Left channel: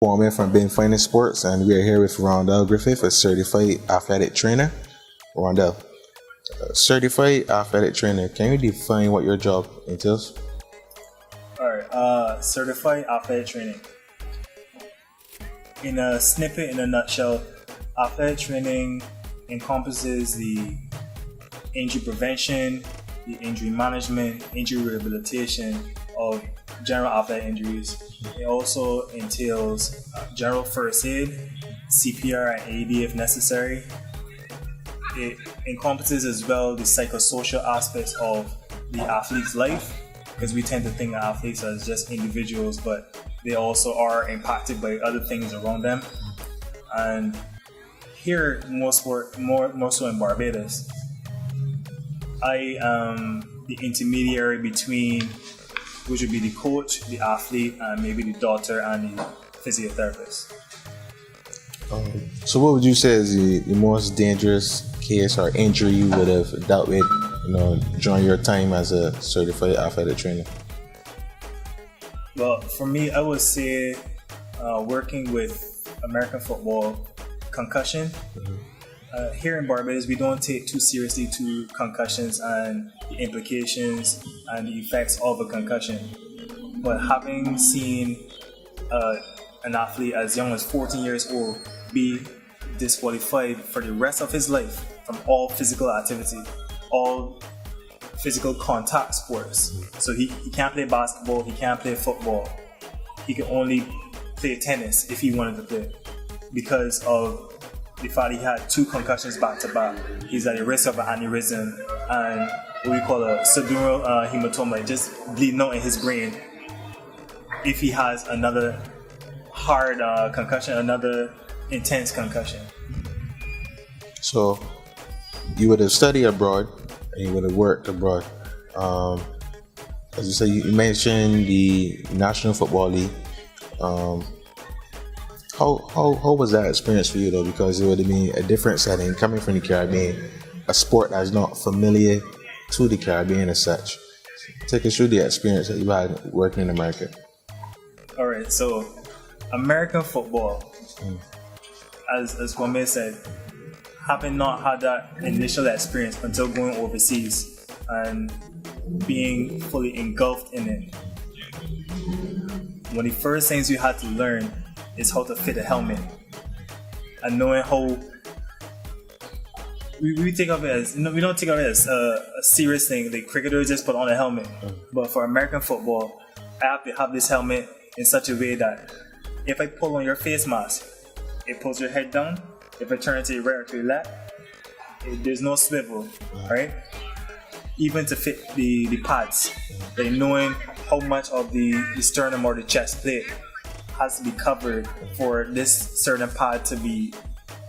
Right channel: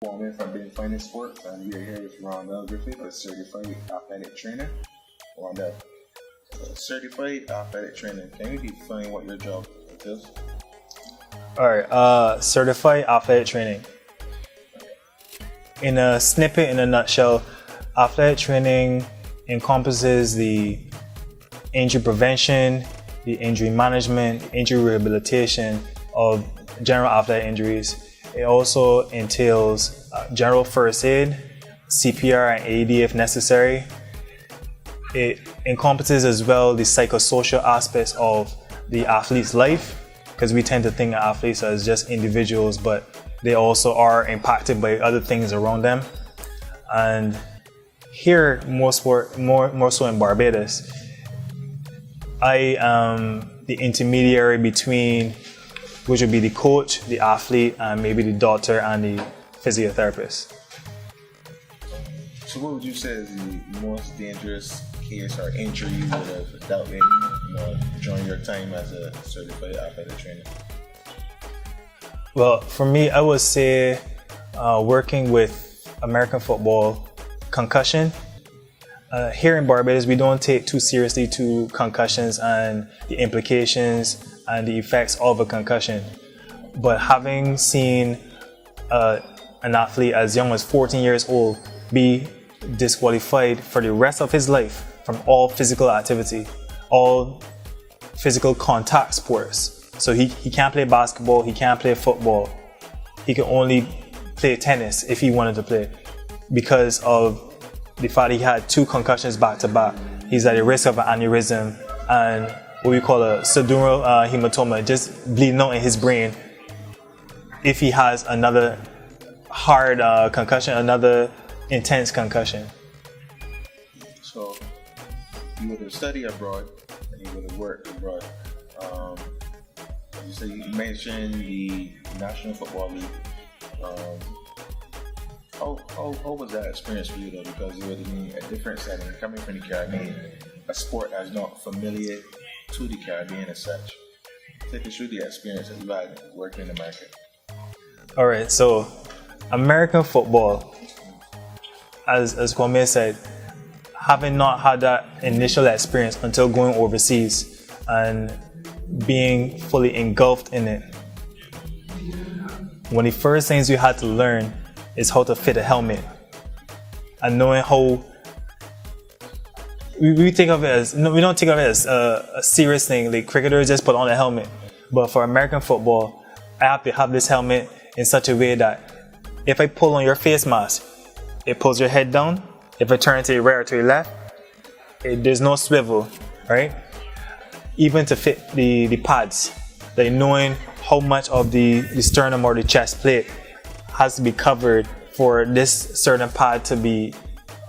Foreman from Being Finest Sports, and we are here with Rondell Griffith, a certified athletic trainer. Rondell, certified athletic trainer, can you define what your job entails? All right, certified athletic training. In a snippet, in a nutshell, athletic training encompasses the injury prevention, the injury management, injury rehabilitation of general athletic injuries. It also entails general first aid, CPR and AED if necessary. It encompasses as well the psychosocial aspects of the athlete's life, because we tend to think of athletes as just individuals, but they also are impacted by other things around them. And here, more so in Barbados, I am the intermediary between, which would be the coach, the athlete, and maybe the doctor and the physiotherapist. So what would you say is the most dangerous case or injury you would have dealt with, during your time as a certified athletic trainer? Well, for me, I would say working with American football, concussion. Here in Barbados, we don't take too seriously to concussions and the implications and the effects of a concussion. But having seen an athlete as young as 14 years old be disqualified for the rest of his life from all physical activity, all physical contact sports. So he can't play basketball, he can't play football. He can only play tennis if he wanted to play, because of the fact he had 2 concussions back to back. He's at the risk of an aneurysm and what we call a subdural hematoma, just bleeding out in his brain. If he has another hard concussion, another intense concussion. So you would have studied abroad and you would have worked abroad. As you say, you mentioned the National Football League. How was that experience for you though? Because it would have been a different setting coming from the Caribbean, a sport that's not familiar to the Caribbean as such. Take us through the experience that you had working in America. All right, so American football, as Kwame said, having not had that initial experience until going overseas and being fully engulfed in it, one of the first things you had to learn is how to fit a helmet, and knowing how we think of it as, we don't think of it as a serious thing. Like cricketers just put on a helmet, but for American football, I have to have this helmet in such a way that if I pull on your face mask, it pulls your head down. If I turn to the right or to the left, there's no swivel, right? Even to fit the pads, like knowing how much of the sternum or the chest plate has to be covered for this certain pad to be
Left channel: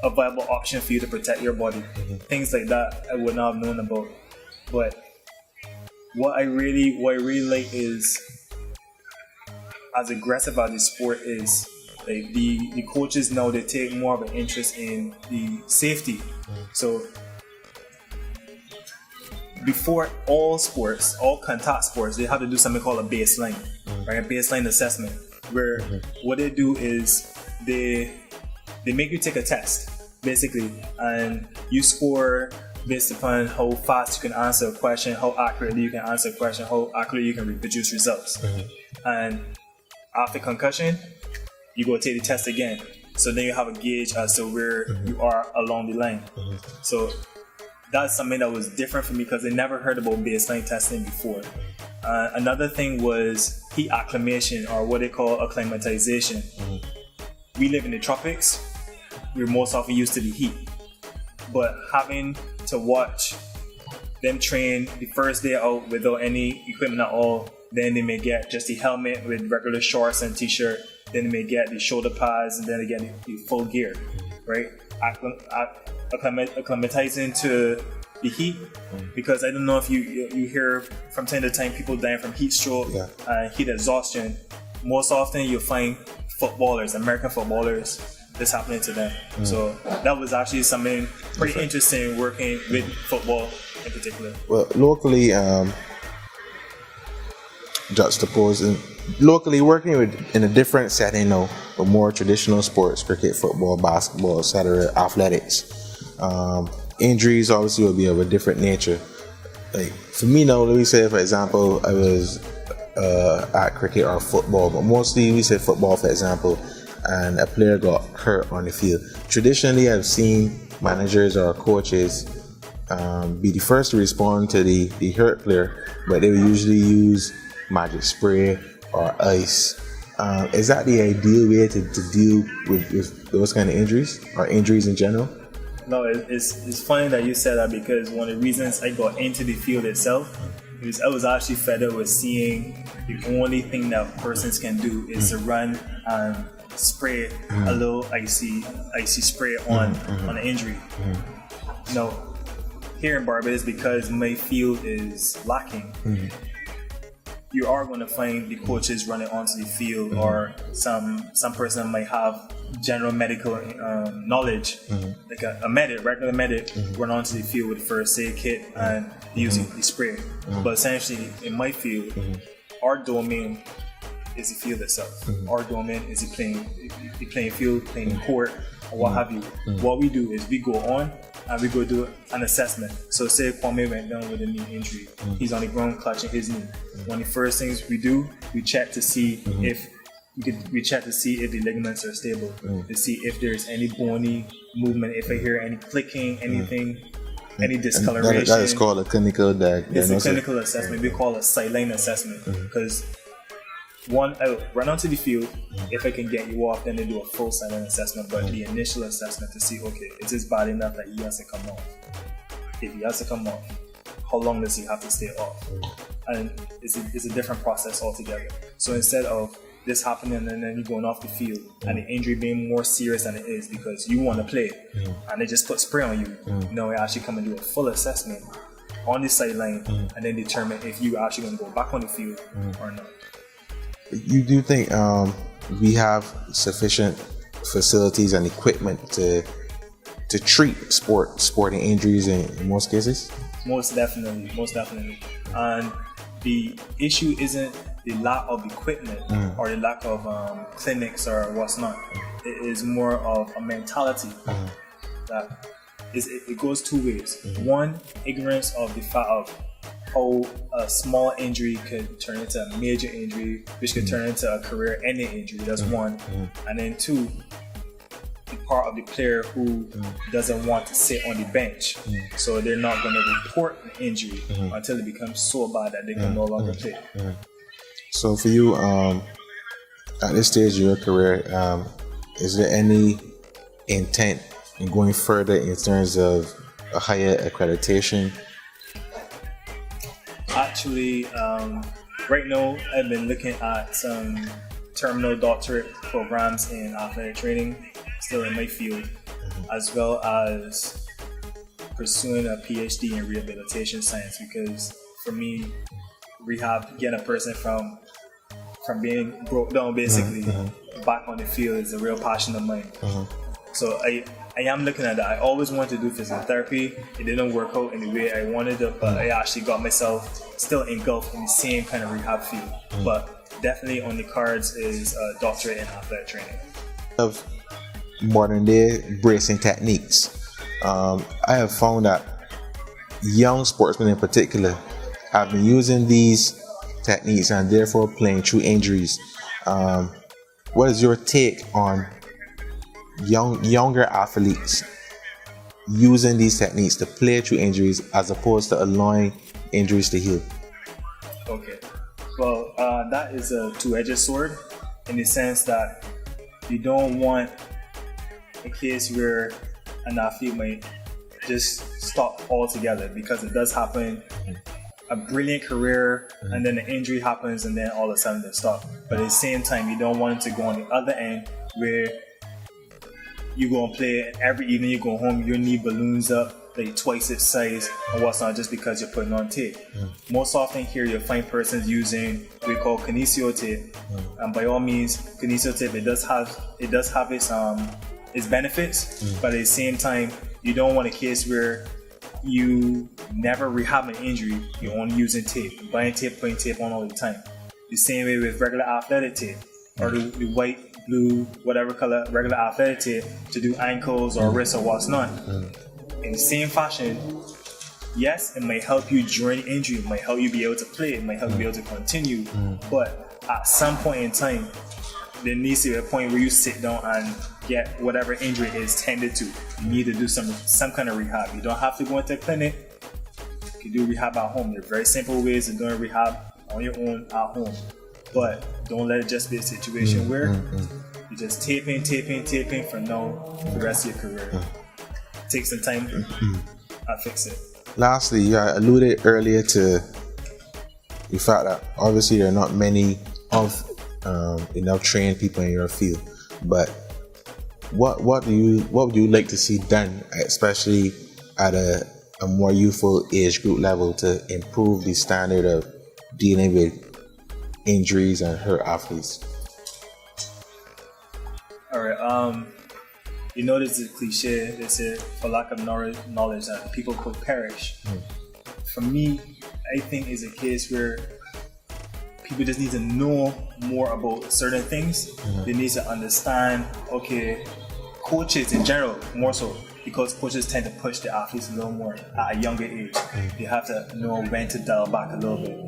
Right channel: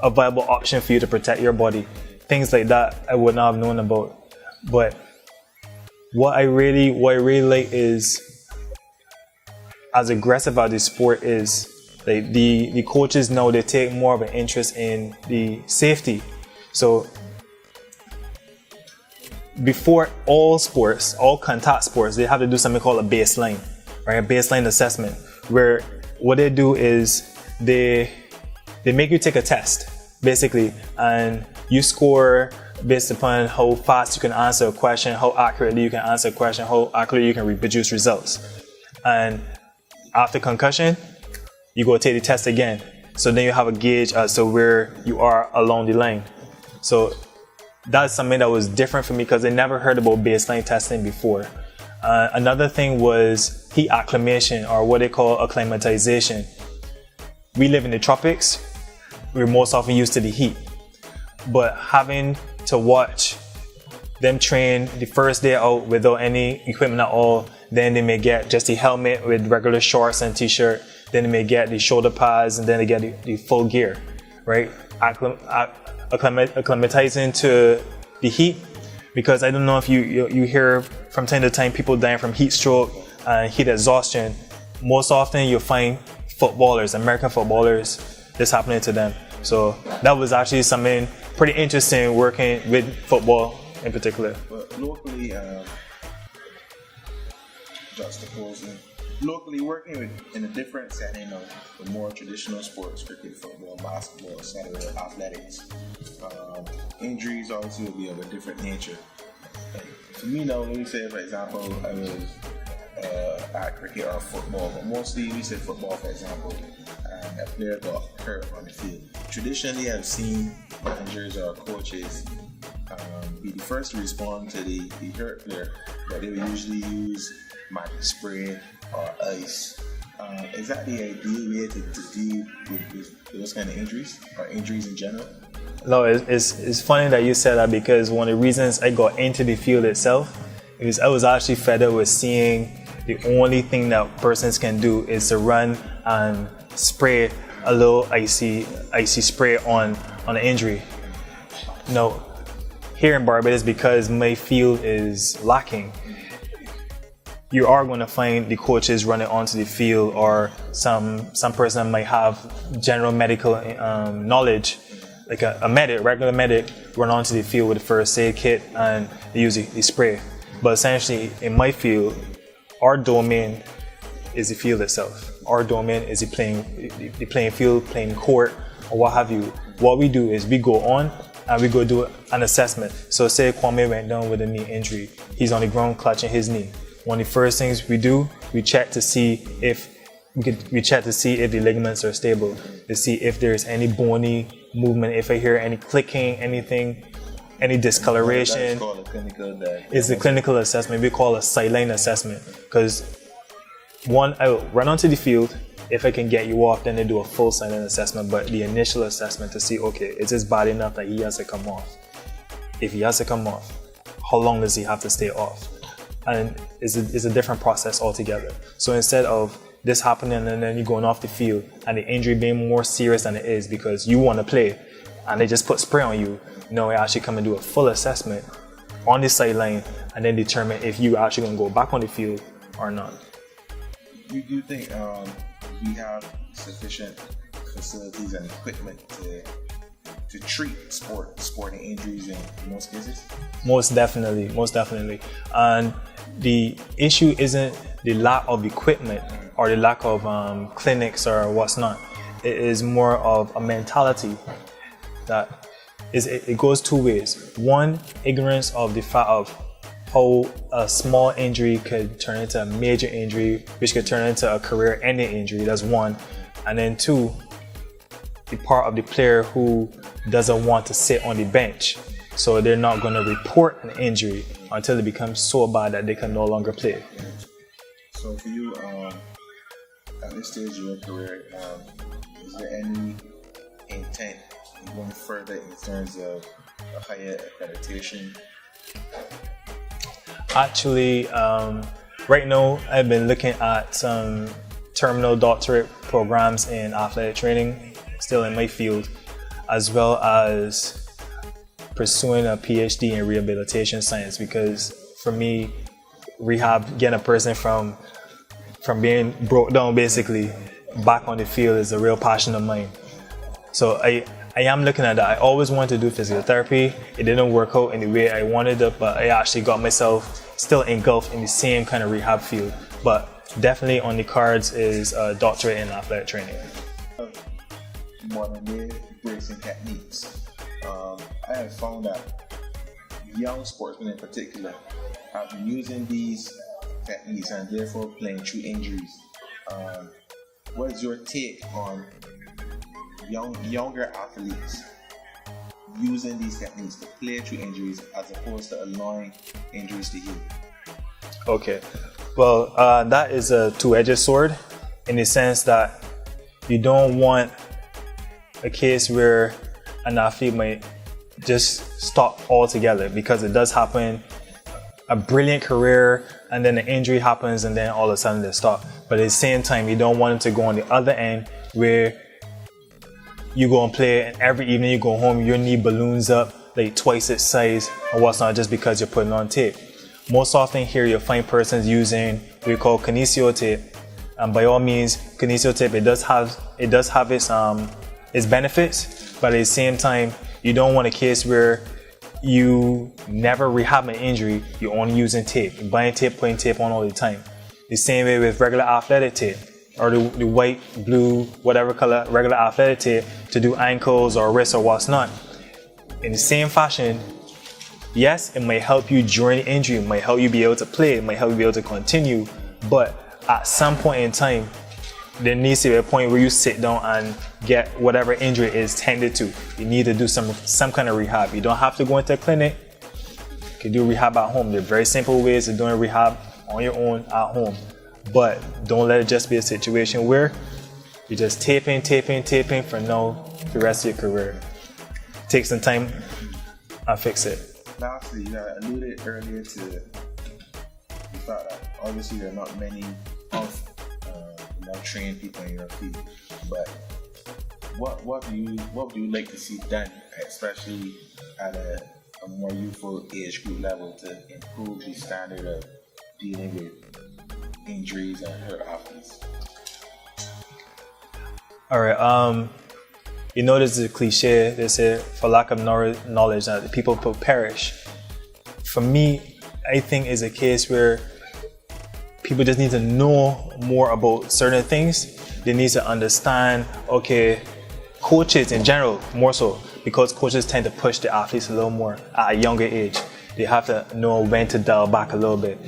a viable option for you to protect your body. Things like that I would not have known about. But what I really like is, as aggressive as the sport is, like the coaches now, they take more of an interest in the safety. So before all sports, all contact sports, they have to do something called a baseline, right? A baseline assessment, where what they do is they make you take a test, basically, and you score based upon how fast you can answer a question, how accurately you can answer a question, how accurately you can reproduce results. And after concussion, you go take the test again. So then you have a gauge as to where you are along the line. So that's something that was different for me because I never heard about baseline testing before. Another thing was heat acclimation, or what they call acclimatization. We live in the tropics. We're most often used to the heat. But having to watch them train the first day out without any equipment at all, then they may get just the helmet with regular shorts and t-shirt, then they may get the shoulder pads, and then they get the full gear, right? Acclimatizing to the heat, because I don't know if you hear from time to time people dying from heat stroke and heat exhaustion. Most often you'll find footballers, American footballers, this happening to them. So that was actually something pretty interesting working with football in particular. Well, locally, juxtaposing locally working with in a different setting now, with more traditional sports, cricket, football, basketball, etc., athletics. Injuries obviously will be of a different nature. Like for me now, let me say for example, I was at cricket or football, but mostly we say football for example, and a player got hurt on the field. Traditionally, I've seen managers or coaches be the first to respond to the hurt player, but they will usually use magic spray or ice. Is that the ideal way to deal with those kind of injuries or injuries in general? No, it's funny that you said that, because one of the reasons I got into the field itself is I was actually fed up with seeing the only thing that persons can do is to run and spray a little icy spray on an injury. No, here in Barbados, because my field is lacking, you are going to find the coaches running onto the field, or some person might have general medical knowledge, like a regular medic, run onto the field with a first aid kit and they use the spray. But essentially, in my field, our domain is the field itself. Our domain is the playing field, playing court, or what have you. What we do is we go on and we go do an assessment. So say Kwame went down with a knee injury. He's on the ground clutching his knee. One of the first things we do, we check to see if the ligaments are stable, to see if there's any bony movement, if I hear any clicking, anything, any discoloration. That is called a clinical diagnosis. It's a clinical assessment. We call it a sideline assessment, because one, I will run onto the field. If I can get you off, then they do a full sideline assessment. But the initial assessment to see, okay, is this bad enough that he has to come off? If he has to come off, how long does he have to stay off? And it's a different process altogether. So instead of this happening and then you going off the field and the injury being more serious than it is because you want to play and they just put spray on you, no, I actually come and do a full assessment on the sideline and then determine if you actually going to go back on the field or not. You do think we have sufficient facilities and equipment to treat sporting injuries in most cases? Most definitely. And the issue isn't the lack of equipment or the lack of clinics or what's not. It is more of a mentality that it goes two ways. One, ignorance of the fact of how a small injury could turn into a major injury, which could turn into a career-ending injury. That's one. And then two, the part of the player who doesn't want to sit on the bench. So they're not going to report an injury until it becomes so bad that they can no longer play. So for you, at this stage of your career, is there any intent in going further in terms of a higher accreditation? Actually, right now I've been looking at some terminal doctorate programs in athletic training, still in my field, as well as pursuing a PhD in rehabilitation science, because for me, rehab, getting a person from being broke down basically back on the field is a real passion of mine. So I am looking at that. I always wanted to do physical therapy. It didn't work out in the way I wanted it, but I actually got myself still engulfed in the same kind of rehab field. But definitely on the cards is a doctorate in athletic training. Of modern day bracing techniques, I have found that young sportsmen in particular have been using these techniques and therefore playing through injuries. What is your take on younger athletes using these techniques to play through injuries as opposed to allowing injuries to heal? Okay, well, that is a two-edged sword in the sense that you don't want a case where an athlete might just stop altogether, because it does happen. A brilliant career and then an injury happens and then all of a sudden they stop. But at the same time, you don't want them to go on the other end where you go and play and every evening you go home, your knee balloons up like twice its size or what's not, just because you're putting on tape. Most often here you'll find persons using what we call kinesio tape. And by all means, kinesio tape, it does have its benefits, but at the same time, you don't want a case where you never rehab an injury, you're only using tape. You're buying tape, putting tape on all the time. The same way with regular athletic tape, or the white, blue, whatever color regular athletic tape to do ankles or wrists or what's not. In the same fashion, yes, it might help you during the injury, it might help you be able to play, it might help you be able to continue, but at some point in time, there needs to be a point where you sit down and get whatever injury is tended to. You need to do some kind of rehab. You don't have to go into a clinic. You can do rehab at home. There are very simple ways of doing rehab on your own at home. But don't let it just be a situation where you're just taping for the rest of your career. Take some time and fix it. Lastly, you alluded earlier to the fact that obviously there are not many enough trained people in your field, but what would you like to see done, especially at a more youthful age group level, to improve the standard of dealing with injuries and hurt athletes? All right. You know, this is a cliche. They say, for lack of knowledge, that the people could perish. For me, I think it's a case where people just need to know more about certain things. They need to understand, okay, coaches in general, more so, because coaches tend to push the athletes a little more at a younger age. They have to know when to dial back a little bit.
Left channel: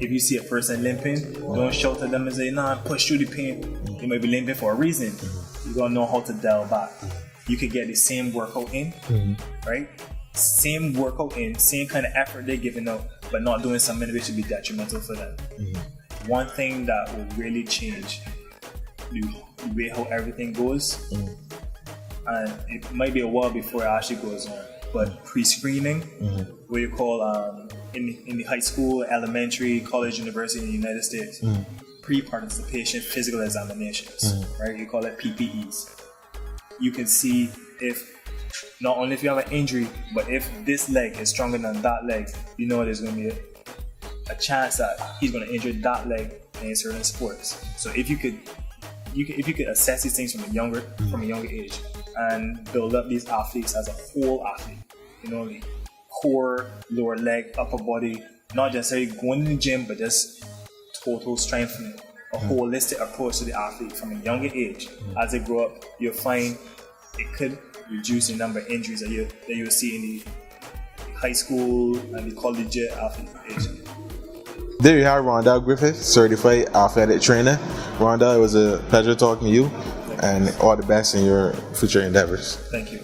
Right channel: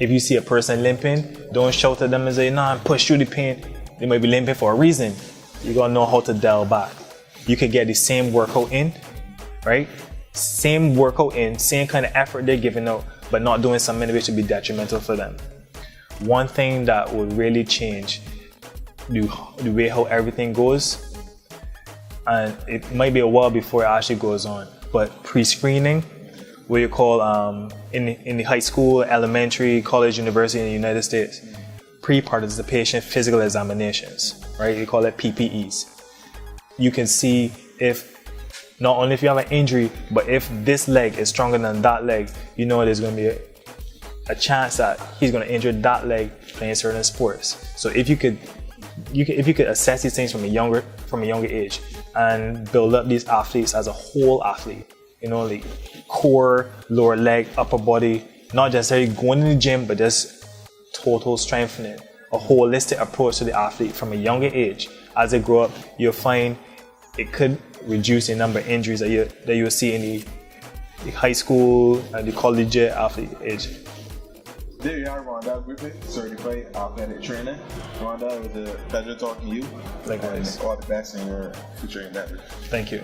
If you see a person limping, don't shout at them and say, nah, push through the pain. They might be limping for a reason. You gotta know how to dial back. You can get the same workout in, right? Same workout in, same kind of effort they're giving out, but not doing something which would be detrimental for them. One thing that would really change the way how everything goes, and it might be a while before it actually goes on, but pre-screening, what you call in the high school, elementary, college, university in the United States, pre-participation physical examinations, right? You call it PPEs. You can see if, not only if you have an injury, but if this leg is stronger than that leg, you know there's going to be a chance that he's going to injure that leg playing certain sports. So if you could assess these things from a younger age and build up these athletes as a whole athlete, you know, like core, lower leg, upper body, not necessarily going to the gym, but just total strengthening, a holistic approach to the athlete from a younger age. As they grow up, you'll find it could reduce the number of injuries that you'll see in the high school and the collegiate athlete age. There you have Rondell Griffith, certified athletic trainer. Rondell, it was a pleasure talking to you, and all the best in your future endeavors. Thank you.